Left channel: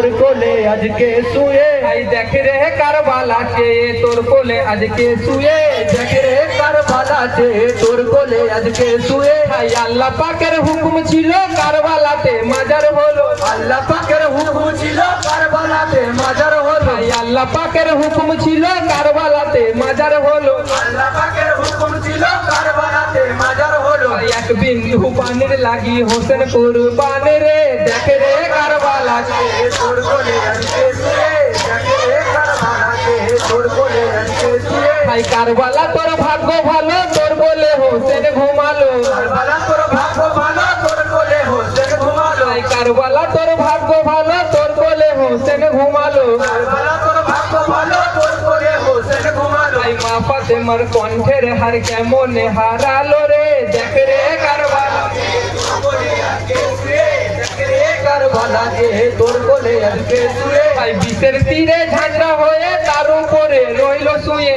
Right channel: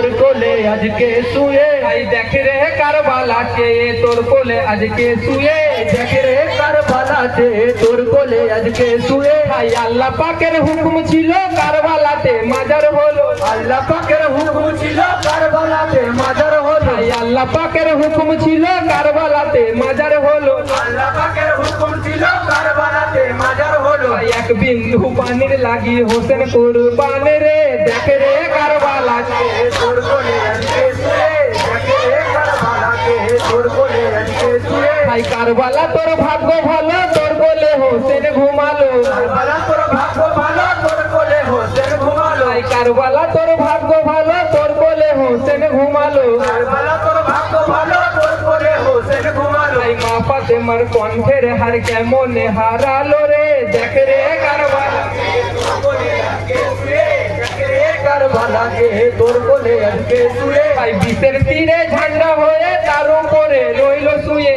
তোর কোলে আজকে শুয়ে। ভাই দেখ রে কারবালাতে তোর কোলে আজকে শুয়ে। দেখ রে কারবালাতে তোর কোলে আজকে শুয়ে। ভাই আল্লাহ পাকের হুকুম ছিল কারবালাতে মাজার হলো। আল্লাহ পাকের হুকুম ছিল কারবালাতে মাজার হলো। ভাই আল্লাহ পাকের হুকুম ছিল কারবালাতে মাজার হলো। আল্লাহ পাকের হুকুম ছিল কারবালাতে মাজার হলো। এক বিন্দু পানির লাগি হোসেন কুরবান রে। দেখ রে কারবালাতে তোর কোলে আজকে শুয়ে। দেখ রে কারবালাতে তোর কোলে আজকে শুয়ে। ভাই কারবালা তোর ভাগ্য ভালো তোর কোলে হোসেন ঘুমালো। কারবালা তোর ভাগ্য ভালো তোর কোলে হোসেন ঘুমালো। ভাই কারবালা তোর ভাগ্য ভালো তোর কোলে হোসেন ঘুমালো। কারবালা তোর ভাগ্য ভালো তোর কোলে হোসেন ঘুমালো। ভাই মা ফাতেমার কণ্ঠের হার কেমন হারালো রে। দেখ রে কারবালাতে তোর কোলে আজকে শুয়ে। দেখ রে কারবালাতে তোর কোলে আজকে শুয়ে। ভাই বিষের তীরে ঝান্ডা হয়ে তার উপরে রইল শুয়ে।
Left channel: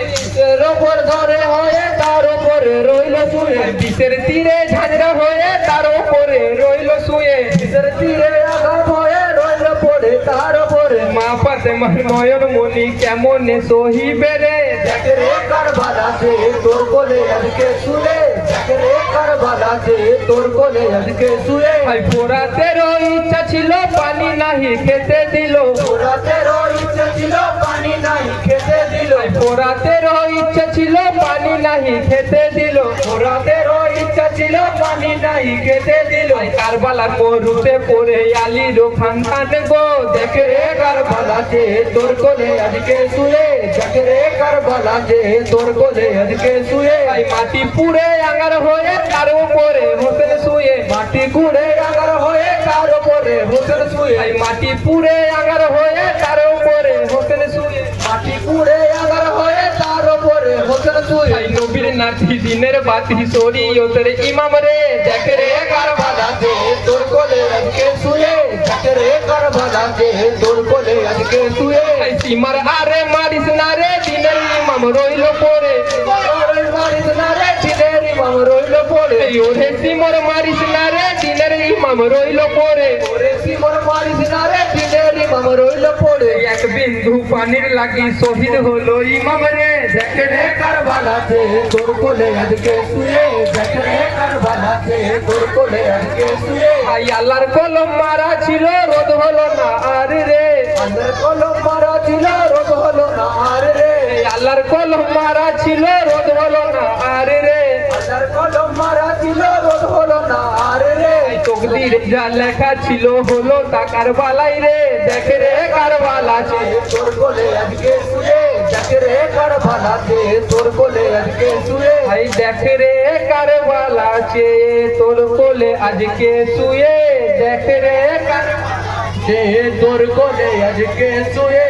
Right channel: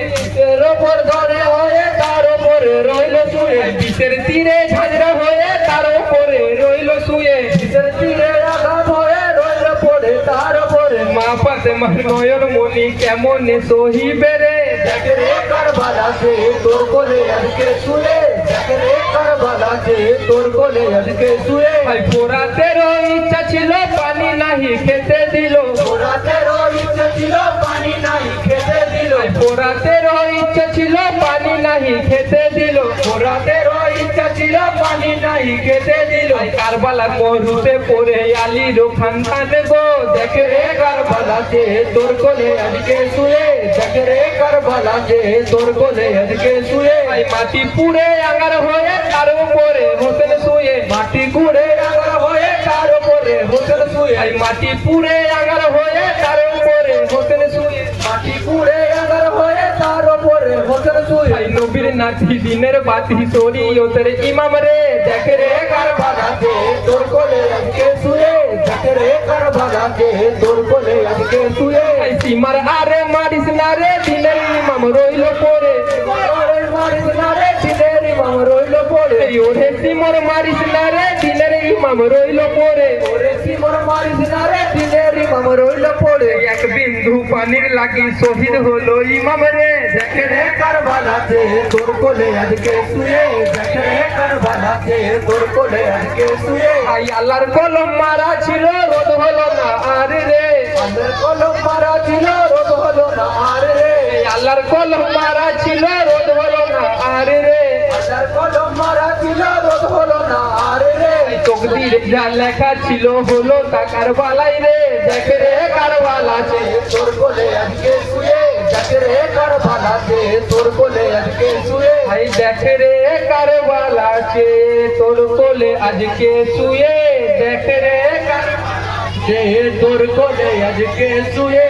এর উপর ধরে হয়ে তার উপরে রইল শুয়ে। বিষের তীরে ঝান্ডা হয়ে তার উপরে রইল শুয়ে। বিষের তীরে আঘাত হয়ে রইল পড়ে তার উপরে। মা ফাতেমার নয়ন মনি কেমন সহিবে রে। দেখ রে কারবালাতে তোর কোলে আজকে শুয়ে। দেখ রে কারবালাতে তোর কোলে আজকে শুয়ে। ভাই পোড়াতের ইচ্ছা ছিল পানি নাহি খেতে দিল। পোড়াতের ইচ্ছা ছিল পানি নাহি খেতে দিল। পোড়াতের ইচ্ছা ছিল পানি নাহি খেতে দিল। পোড়াতের ইচ্ছা ছিল পানি নাহি খেতে দিল। কারবালার মরুতে পড়ে আলীর খানখান গো। দেখ রে কারবালাতে তোর কোলে আজকে শুয়ে। দেখ রে কারবালাতে তোর কোলে আজকে শুয়ে। ভাই মাটি পুড়ে আঙার হয়ে তার উপরে হোসেন শুয়ে। মাটি পুড়ে আঙার হয়ে তার উপরে হোসেন শুয়ে। ভাই মাটি পুড়ে আঙার হয়ে তার উপরে হোসেন শুয়ে। মাটি পুড়ে আঙার হয়ে তার উপরে হোসেন শুয়ে। ভাই নবীর নাতি দিনের বাতি শরীয়তের ইমাম রে। দেখ রে কারবালাতে তোর কোলে আজকে শুয়ে। দেখ রে কারবালাতে তোর কোলে আজকে শুয়ে। ভাই সীমার আরে মারিস না রে দিনের ইমাম রইল পড়ে। মারিস না রে দিনের ইমাম রইল পড়ে। ওরে সীমার মারিস না রে দিনের ইমাম রইল পড়ে। ওরে সীমার মারিস না রে দিনের ইমাম রইল পড়ে। এক বিন্দু পানির লাগি শহীদ হলো ইমাম রে। দেখ রে কারবালাতে তোর কোলে আজকে শুয়ে। দেখ রে কারবালাতে তোর কোলে আজকে শুয়ে। আই আল্লাহর কলম মারা ছিল রোদ হলো না আর রে। আল্লাহর কলম মারা ছিল রোদ হলো না আর রে। আল্লাহর কলম মারা ছিল রোদ হলো না আর রে। আল্লাহর কলম মারা ছিল রোদ হলো না আর রে। তকদিরে যা লেখা ছিল হলো তা কারবালাই রে। দেখ রে কারবালাতে তোর কোলে আজকে শুয়ে। দেখ রে কারবালাতে তোর কোলে আজকে শুয়ে। ভাই দেখ রে কারবালাতে তোর কোলে আজকে শুয়ে। দেখ রে কারবালাতে তোর কোলে আজকে শুয়ে।